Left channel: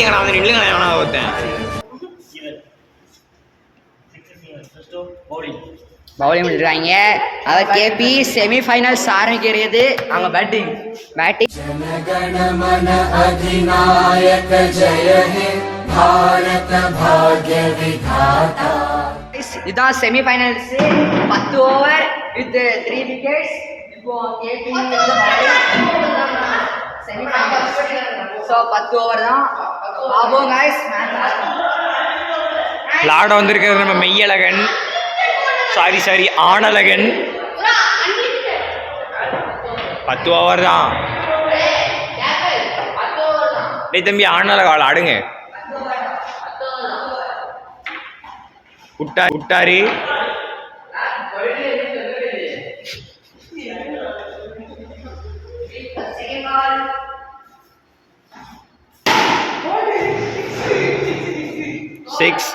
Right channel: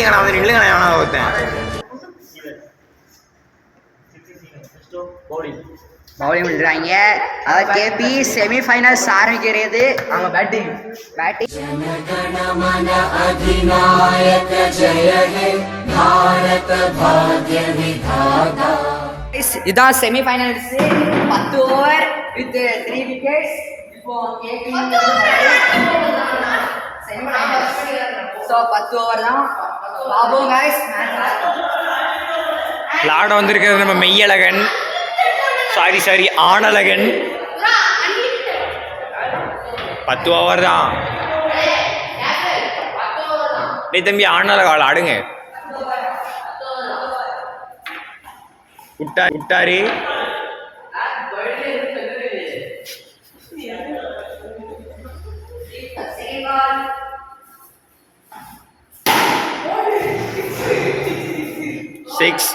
அடிக்காங்கண்ணா வந்து நில்லுங்கண்ணா எவனா ஒருத்தன். பவுலிங் விடுறாங்க. அதாவது கேபி செமிஃபைனல்ஸ் ஆரம்பிக்கிறது. அவங்க பேட்டிங் ஜனகணமன அதிநாயக ஜெய ஹே பாரத பாக்ய விதாதா. இதுதான் செமிஃபைனல்ஸ். 10 over with 3 wickets. இப்போ கேபி செமிஃபைனல்ஸ். ஸோ 10 ஓவர் தான். பாபோ கைஸ் விளாட வந்திருக்கிறது நம்ம மெய்யழகன், சாரி ஆனழகன். 10 ஓவர் தான். டேய் தம்பி ஆனழகால் ஆடுங்க. விட்டாரு. Six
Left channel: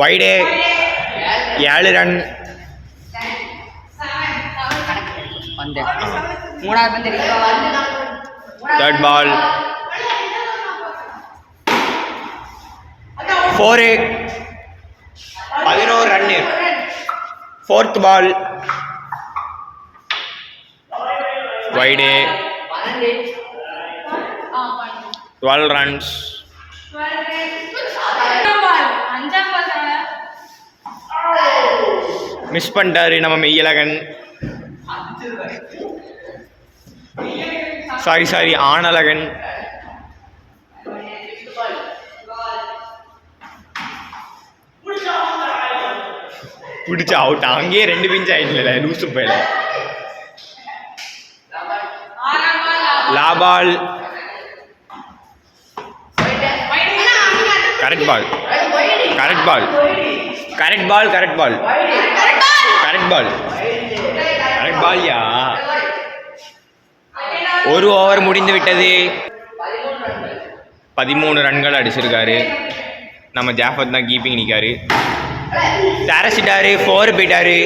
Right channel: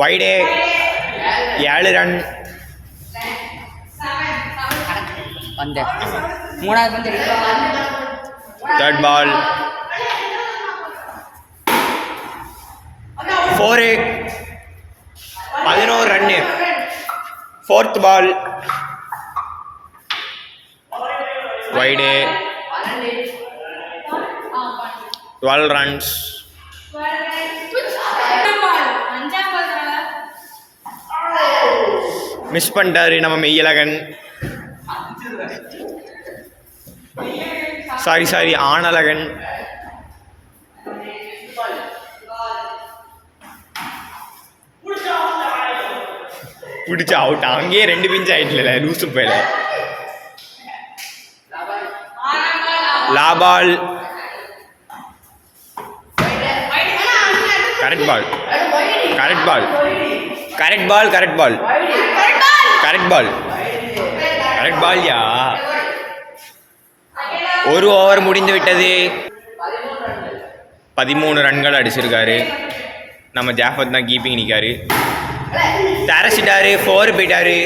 wide 7 run. மூணாவது பந்து தேர்ட் பால் 4 11 ரன்னு. Fourth ball wide 12 runs. Miss பண்ணிட்டாரு நம்ம மெய்யழகன். சாரி ஆனழகன். பிடிச்ச அவுட். அங்கேயே 2 பிஞ்ச் ஆயிடுச்சுல லூசு போயில. லாபால் கரெக்ட் பால் யா. 1 ஓவர் முடிந்து விட்டது. 13 ரன்கள் அடிச்சிருக்காரு. நம்ம ஜாஃபத் தான் கீப்பிங் நிற்காரு. தரசிட்டாரு. 4 போயிட்டாரு.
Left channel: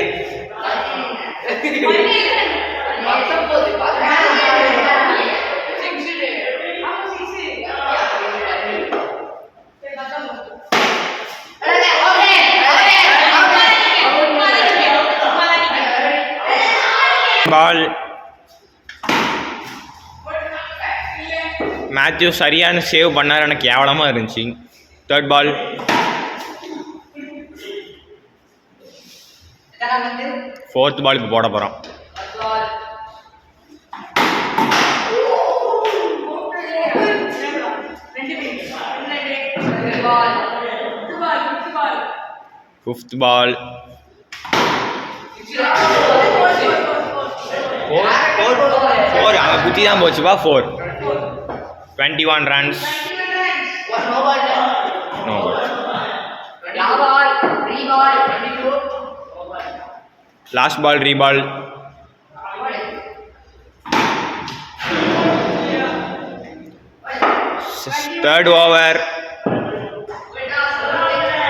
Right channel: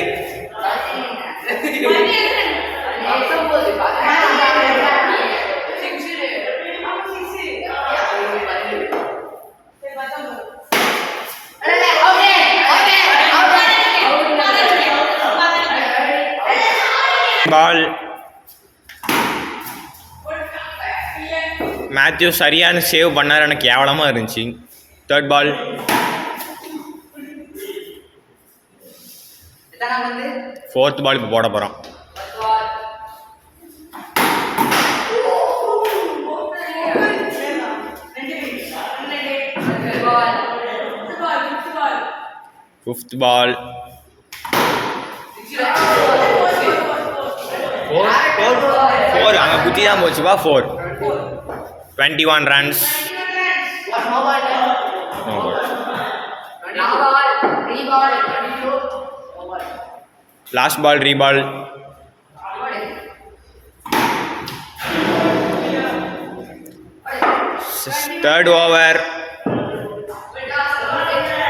பால் மேத்யூ சரியான சேவ் பண்ணார். எனக்கு கேவலமாக இருந்துச்சு. தேர்ட் பால் 4th பால் இப்போ போட போகிறோம். ஃபிஃப்த் பால் 4 அங்கே குத்தி தான் போச்சுப்பா. 4 21 runs. No ball. Last ball reball. Third over.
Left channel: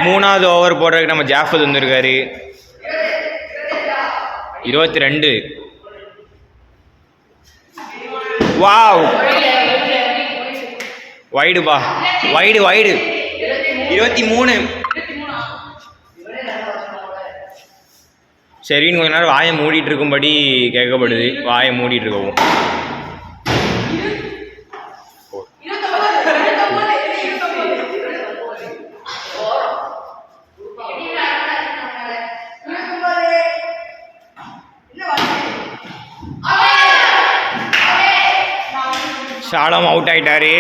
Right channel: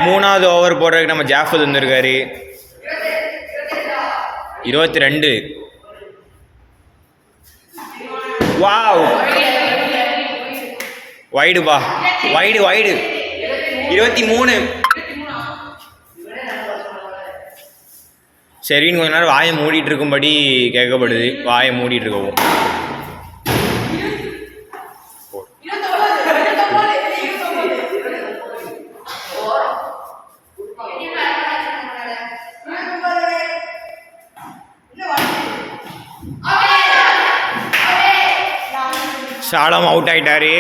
3வது ஓவர் போடுறதுக்கு நம்ம ஜாஃபத் வந்திருக்காரு. 22. வாவ் வைடுப்பா. வைடு 23. சரின்னு கொஞ்ச நேரம் வாயை மூடிட்டு இருக்கும்படி கேட்கப்படுது. வாயை மூடிட்டு இருக்கவும். சாலம் அவுட் ஆயிட்டாரு.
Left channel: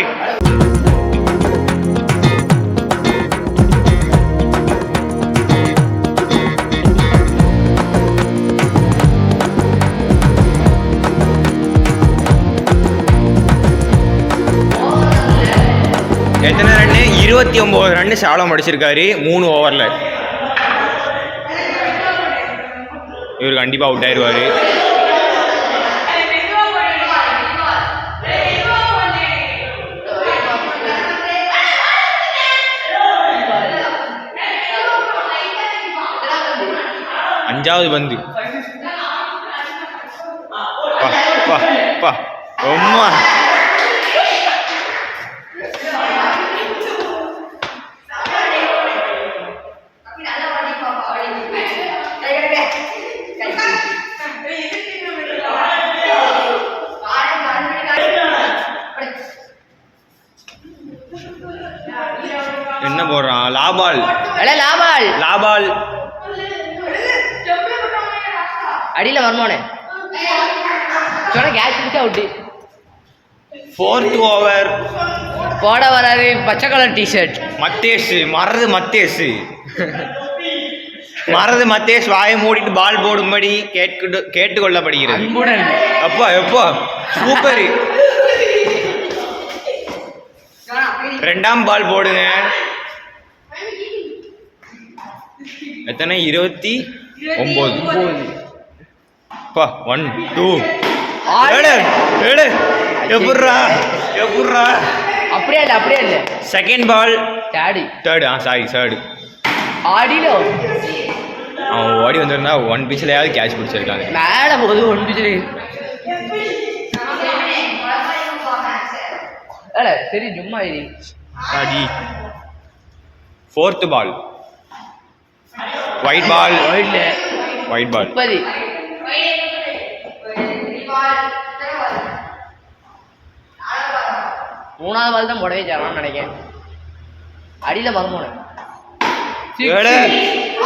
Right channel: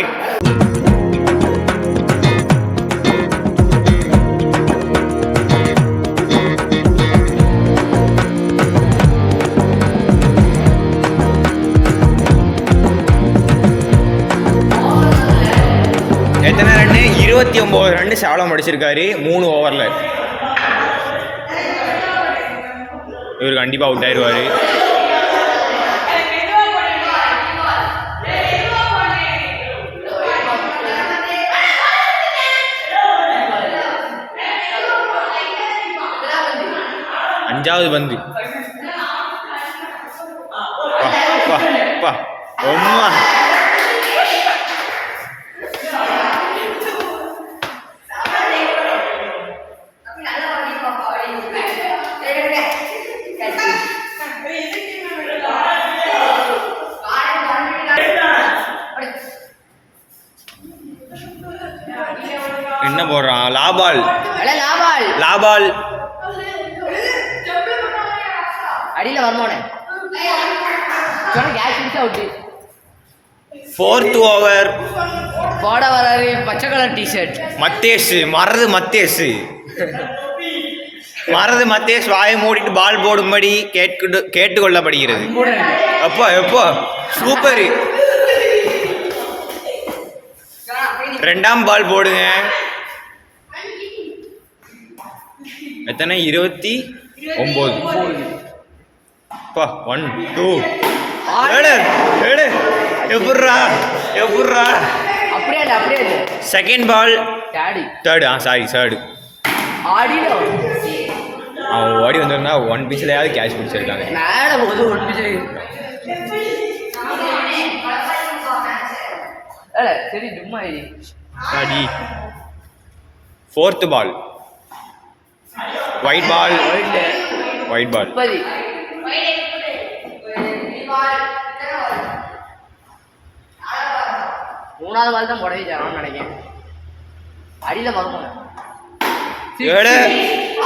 எத்தனை ரன்னு? 29 ரன்னு சாலம் அடிச்சிருக்காரு 3 ஓவரில். இவர் கண்டிப்பாக அவுட் ஆயிடுவார். அஞ்சாவது பந்து பா பா அம்மா என்ன போடுறான் லாபால் லாபால் லாபால் அடியில் வரமானே சொன்ன கேட்ச் பிடிச்சா அவுட்டு. 4th ஓவர் போட வராரு பச்சை கலர் டிஷர்ட் மத்தேஷ் மறந்து மத்தேஷ் மறந்து மத்தேஷ் வாயை மூடிட்டு பால் போடும்படி கேட்டுக்கொள்ளப்படுகிறது. அப்பா எப்போ சூப்பர். 2ஆம் பால் போடுங்க. எத்தனை 29 பா 1 2 ஏடு ஏடு எப்பட்றா அப்படியே இல்லை செகண்ட் பால் டாடி தேர்டு சாரி தேர்டு. ஆடியில அவன் ஓடி வந்திருந்தா 1 பிச்சிலையாவது கேட்ச் பிடிச்சிருக்காங்க. மேலே போகுது 1 பிச்சில் சரி சும்மா அடி. 4th பால் ஒயிட் பால் 3ஆவது பால் தான் முடவே சேரான்னு நினைக்கிறேன். அடியில் வரணும்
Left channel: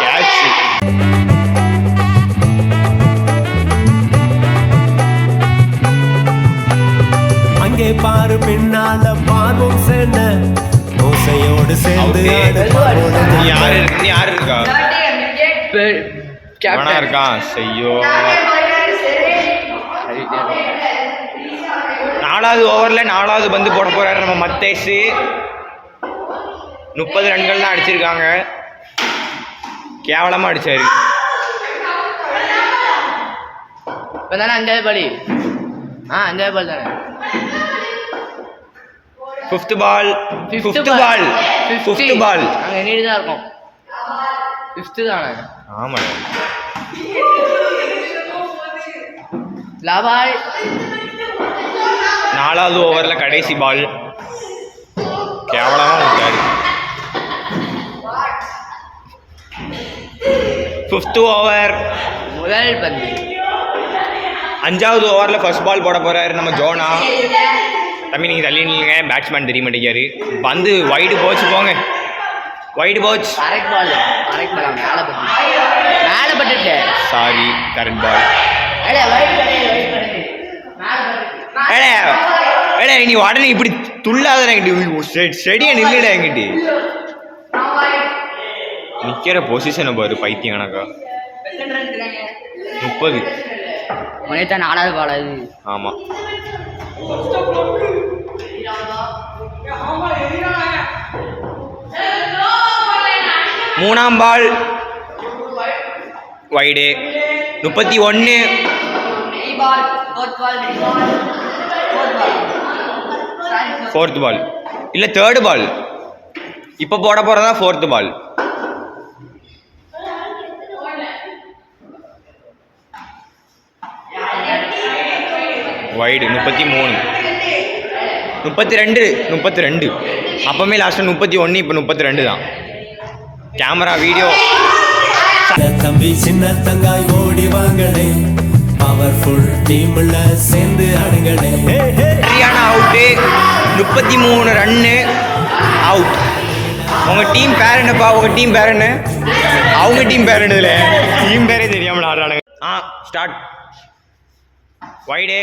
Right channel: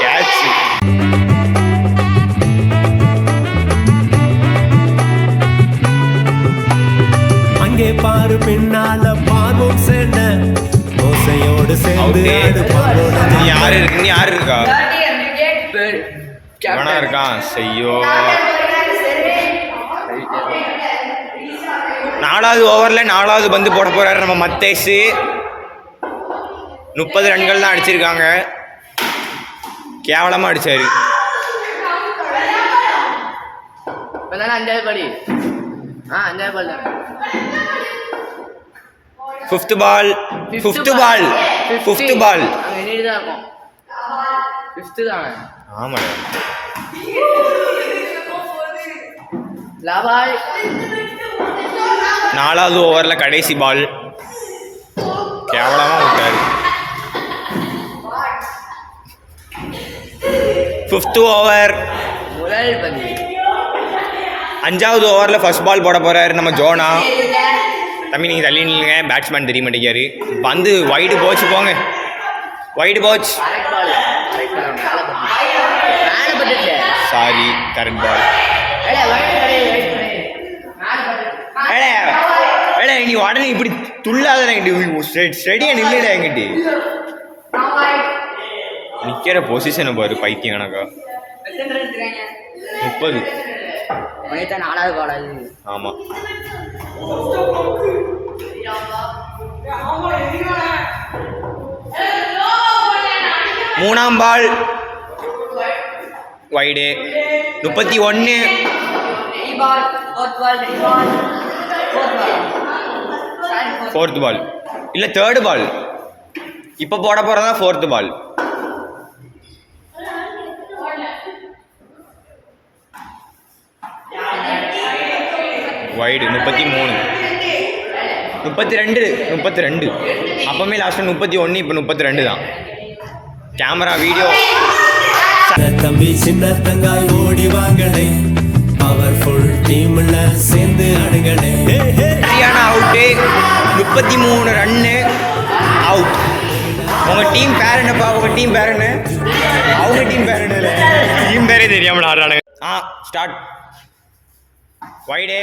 கேட்ச். அங்கே பாரு பின்னால பார்வோம் சென்ன ஓசையோடு சேர்ந்து ஆடு பார்வோம். யாரு இருக்கா வேணா இருக்கான் செய்யோ. 4வது ஓவரில் 4வது பந்து போட போறாரு நம்ம மத்தேஷ். 30 ரன்கள் தான் அடிச்சிருக்காங்க. கேவலமாக அடிச்சாரு. இப்போ தானே 5வது பால் 5வது பால் தானே. 5th பால் அங்கே நீடு தான் இருக்கும். 5th தானே ஆமாடா. லாபாய் 4வது ஓவரில் கடைசி பால் கேவலமாக விட்டாரு. 5th ஓவர் முதல் பந்து. 5வது ஓவரில் ஃபர்ஸ்ட் பால் போட போகிறாரு நம்ம ஜோனா. தம்பி நீங்கள் தள்ளி நில்லுங்க, பேட்ஸ்மேன் தெரிய மாட்டேங்காரு. பந்து வைடு போச்சு, போங்க வைடு போச்சு. சாரி கரெக்ட் பால். நீ உடனே இப்படி துள்ளாத ஸ்டெடியாக நில்லுடா. எங்கிட்டு நிற்கிற பொசிஷனை பாரு பைத்தியம் கணக்கா. 30 4வது பால் அது. ஆமாம். மூணாம் பால் வைடு 31. 4th பால் இல்லை 3rd பால். இப்போ போட போகிறதா 4th பால். வைடு 33. 32. அப்பவுமே லாஸ்ட்டாக 31, இப்போ 32 தான். Camera video. தம்பி சின்ன தங்காய் ஓடி வாங்கடே, பவர்ஃபுல் டீம்ல சேர்ந்து ஆடுங்கடே. சரியான அவுட்டு. 33 run out. உங்கள் டீம் பேர் என்னப்பா? உங்கள் டீம் பேர் என்ன? அவங்க டீம் பேர் என்னதுல டீம் பேரே தெரியாமல் ஆடுறானுங்க. ஸ்டார்ட். வைடே.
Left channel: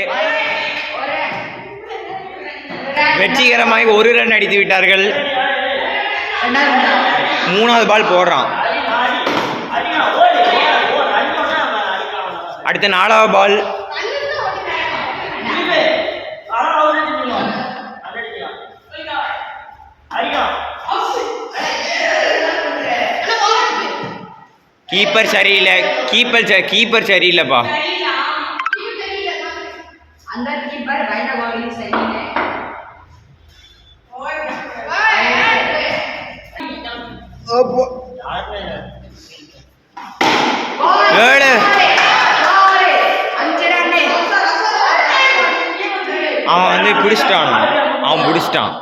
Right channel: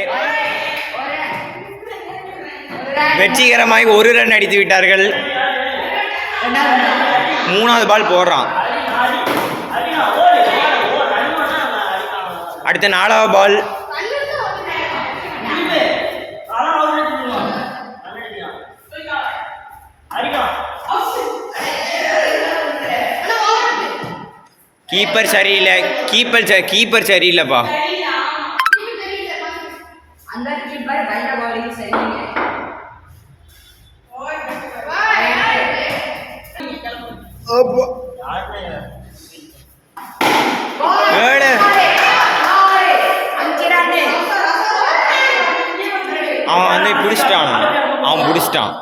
வெற்றிகரமாக 1 ரன் அடித்து விட்டார்கள். 3வது பால் போடுறான். அடுத்த 4வது பால். கீப்பர் சரியில்லை. கீப்பர் சரியில்லைப்பா. பிடிச்சிட்டான். அவன் பிடிச்சிட்டான்.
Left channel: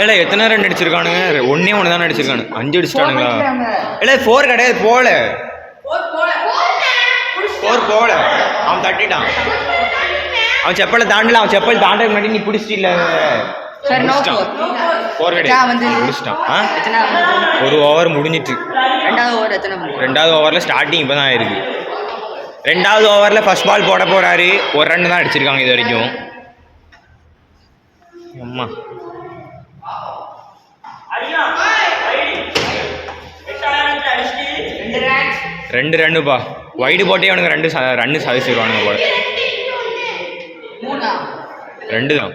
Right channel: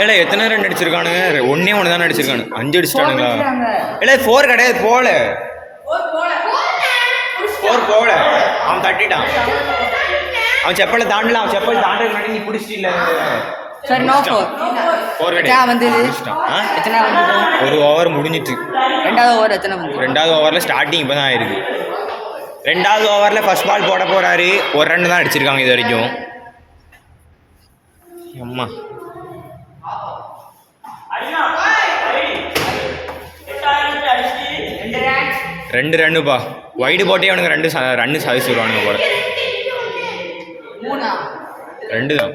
ஏல எத்தனை ரன் அடிச்சிருக்கானுங்க? ஒன்னே ஒன்று தானே அடிச்சிருக்கானு. 5 அடிச்சிட்டானுங்களா? இல்லை 4 கிடையாது. போல 4 போல. அவன் தட்டிட்டான். அவன் செப்பலை தாண்டல. அவன் செப்பல் தாண்டதுக்கு முன்னாடி நீ பிடிச்சிட்டு சரி நோ ஃபோர் ஒரு ஓவர் முடிஞ்சிட்டு. ரெண்டாவது ஓவரில் ஸ்டார்டிங் இப்போ தான் ஆயிருக்கு. ரெண்டாவது ஓவரில் ஃபர்ஸ்ட் பால் போட போகிறாரு. ஒரு ரன் தான் அடிச்சிருக்காங்க இது வரைக்கும். அம்மா 2 ரன்னுப்பா. வைடு போட்டே அவனுங்க 2 ரன்னு சாதிச்சிருவானுங்க போல. 2 தான்.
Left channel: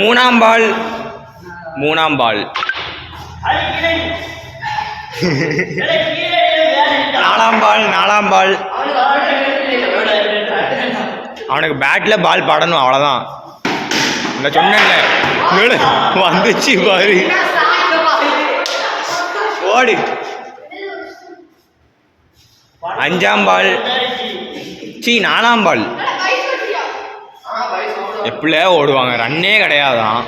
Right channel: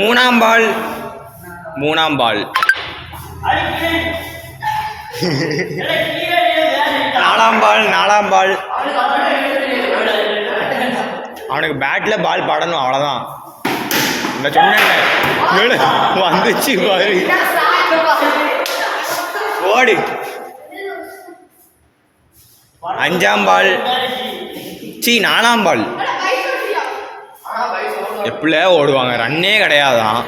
மூணாம் பால் நாலாம் பால் அவனுக்கு பேட்டில் பால் படணும், அவ்வளோதான். இந்த சொன்னேன்ல வந்துச்சு பாரு. ஓடு. 5ஆம் பால் 4ஆம் பால். எப்படில ஓடுவாங்க? ரன்னே கிடையாதான்.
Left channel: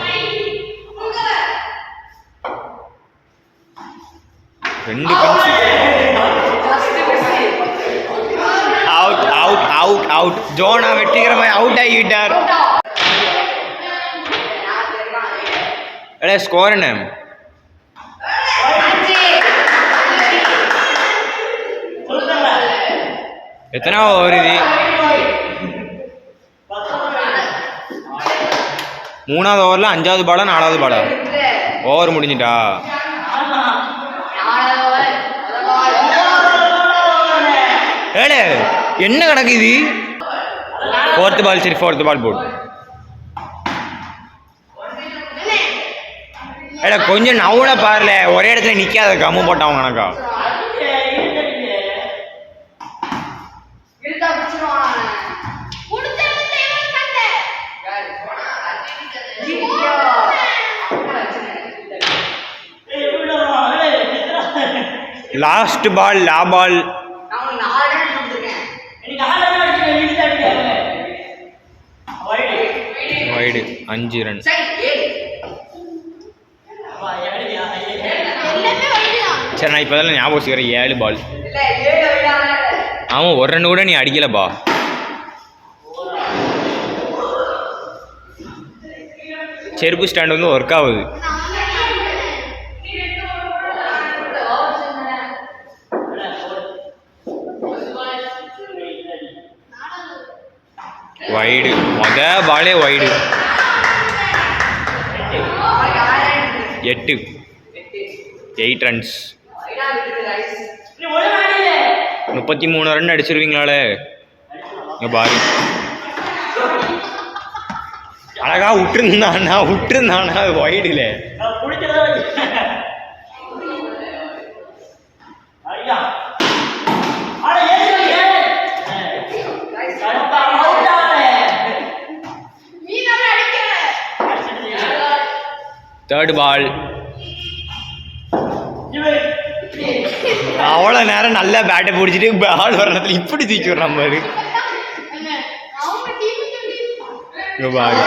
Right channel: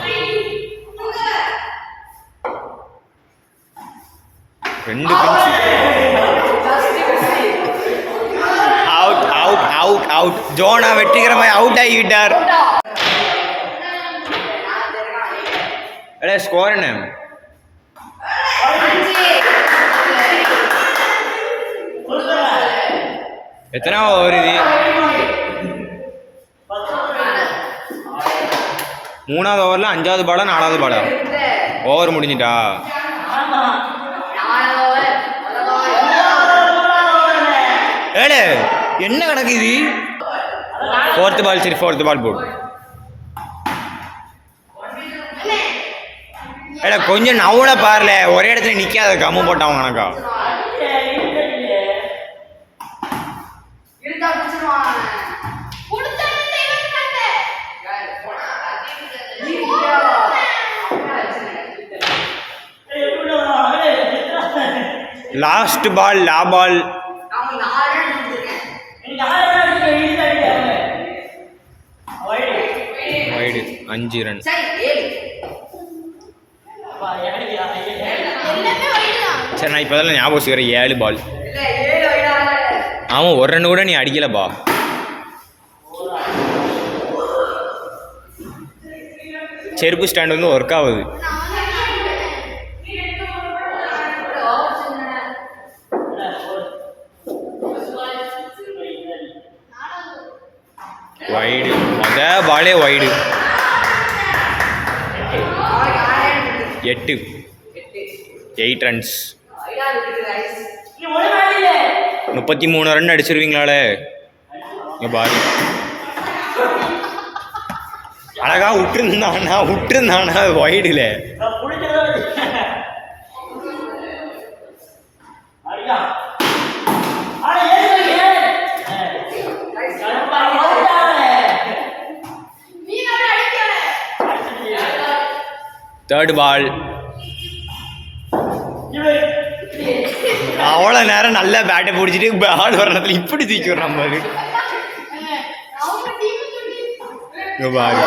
2 பஞ்சு. அவுட். ஜோனா வெற்றிகரமாக அவுட் ஆகிவிட்டார். ஸ்கோர் என்ன? எத்தனை ஓவர் இது? 3ஆவது ஓவரில் 5ஆவது பாலா 4ஆவது பாலா? ஓவர் முடிஞ்சிட்டா? ஏழு என்ன கணக்கு இது? 4th பால். சரி 4th பால் போடு. ஏடா கொஞ்சம் நவுன பாருல, ஒரே இடத்துல நிற்காத. கம்மு போட்டான் கணக்கா. லாஸ்ட் பால் லா பால். Wide 5 run. சரி நான் இப்போ தான் ஞாபகம் வச்சுக்கிறேன். 7 பால். ஆமாம், ஒரு ரன் கூட நீ அடிக்கலப்பா. செருப்பு ஸ்டாண்ட் வந்து ஒர்க் ஆகுது. வைடு. பாலே வைடு. 8 ரன்ஸ். 33 ரன் அடிச்சிருவீங்களாலே. இங்கே பாரு. அழகா விட்டுருந்தானா அது வைடுல. தேர்ட் பால். அவ்வளோ நேரம் நல்லா பேட்டை பிடிச்சிட்டு பால் வர நேரத்தில் இப்படி தூக்கி விடுற மாதிரி. பாரு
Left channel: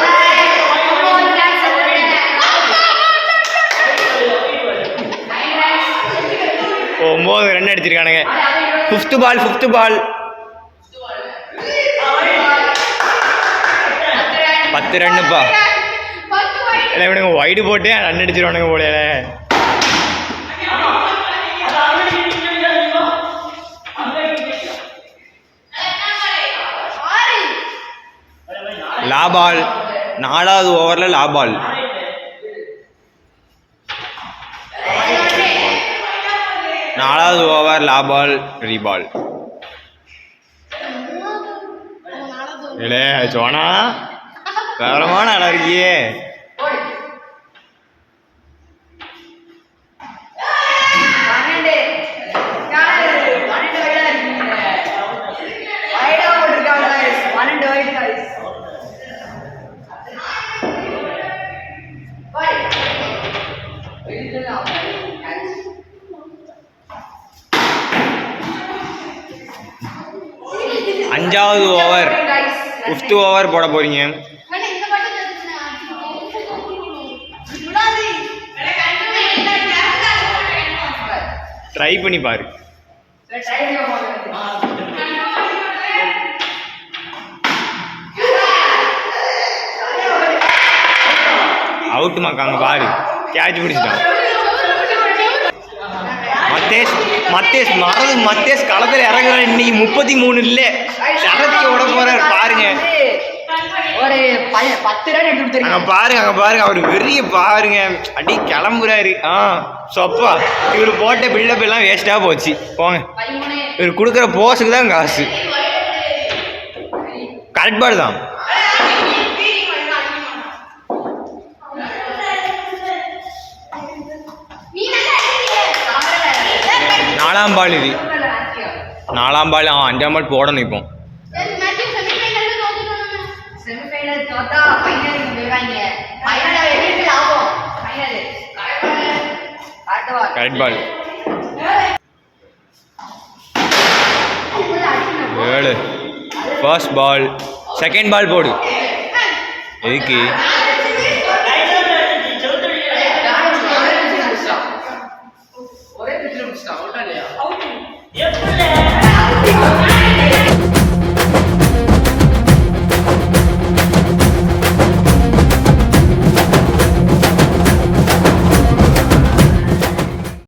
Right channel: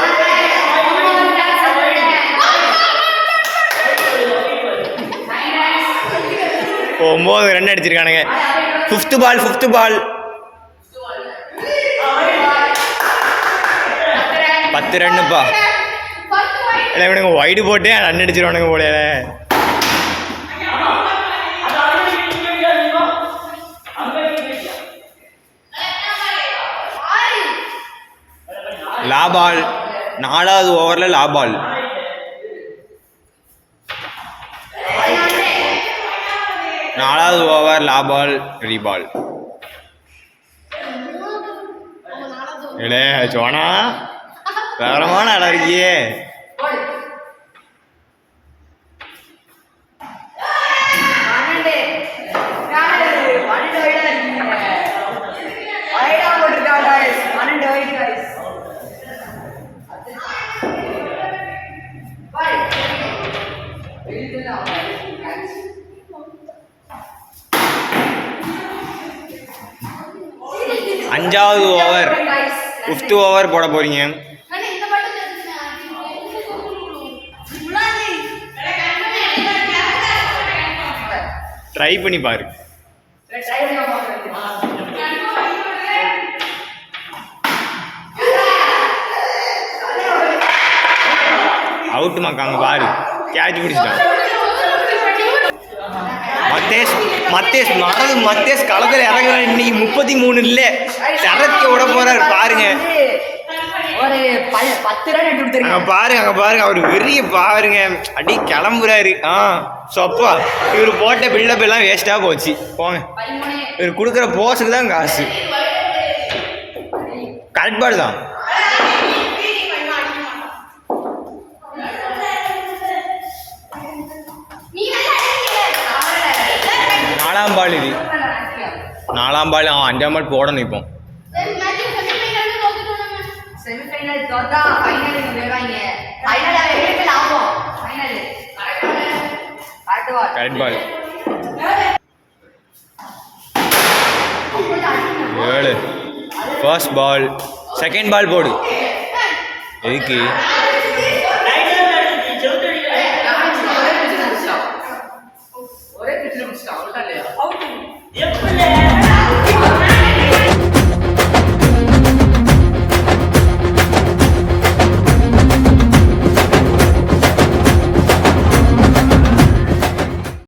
9 ரன் அடிச்சிருக்கானுங்க. 5th பால் 10 ரன்னுப்பா. இல்லை இவனுங்க வைடு போட்டே ரன் அடிச்சிருவானுங்க போல. லா பால். 4ஆவது ஓவரில் லா பால். நாலாவது ஓவர் லா பால் ரீபால். இல்லை சோனா வேறமான இடம் இருக்கியே. அஞ்சாவது ஓவர் 5th ஓவர் போட போறீங்க. ட்ரை பண்ணி பாரு. அவுட் மாக்காங்க பாரு, கேட்ச் பிடிச்சிட்டான். மத்தேஷ் களத்தில் இறங்குறாரு இன்னைக்கு. 33 இல்லை, சரத்து விட போறாரு பாருங்க. ஒரு 10 ரன் எடுத்து அங்க பாருங்க அவர் வெறிய பாருங்க, அடி கிளம்புறாரு. சொப்பா இவர் போட்ட பில்டப் எல்லாம் வேஸ்டா போச்சு. போங்க, இவர் கொடுக்குற போஸுக்கு தான் காசு. கரெக்ட் பால் தான். நாலாம் பால் இது, 4ஆம் பால். 5ஆம் பால் போடணும். இப்போ செமிஃபைனல் தோத்தா ஃபைனலுக்கு போயிடுவாங்க. ஃபைனல் எப்படி ஆகும்? ஃபைனல் கரெக்ட் பால். 7 ஃபர்ஸ்ட் பால். செகண்ட் பால் போடு. எதுக்கு? ஒரே பிச்சில் முடிச்சிட்டான்.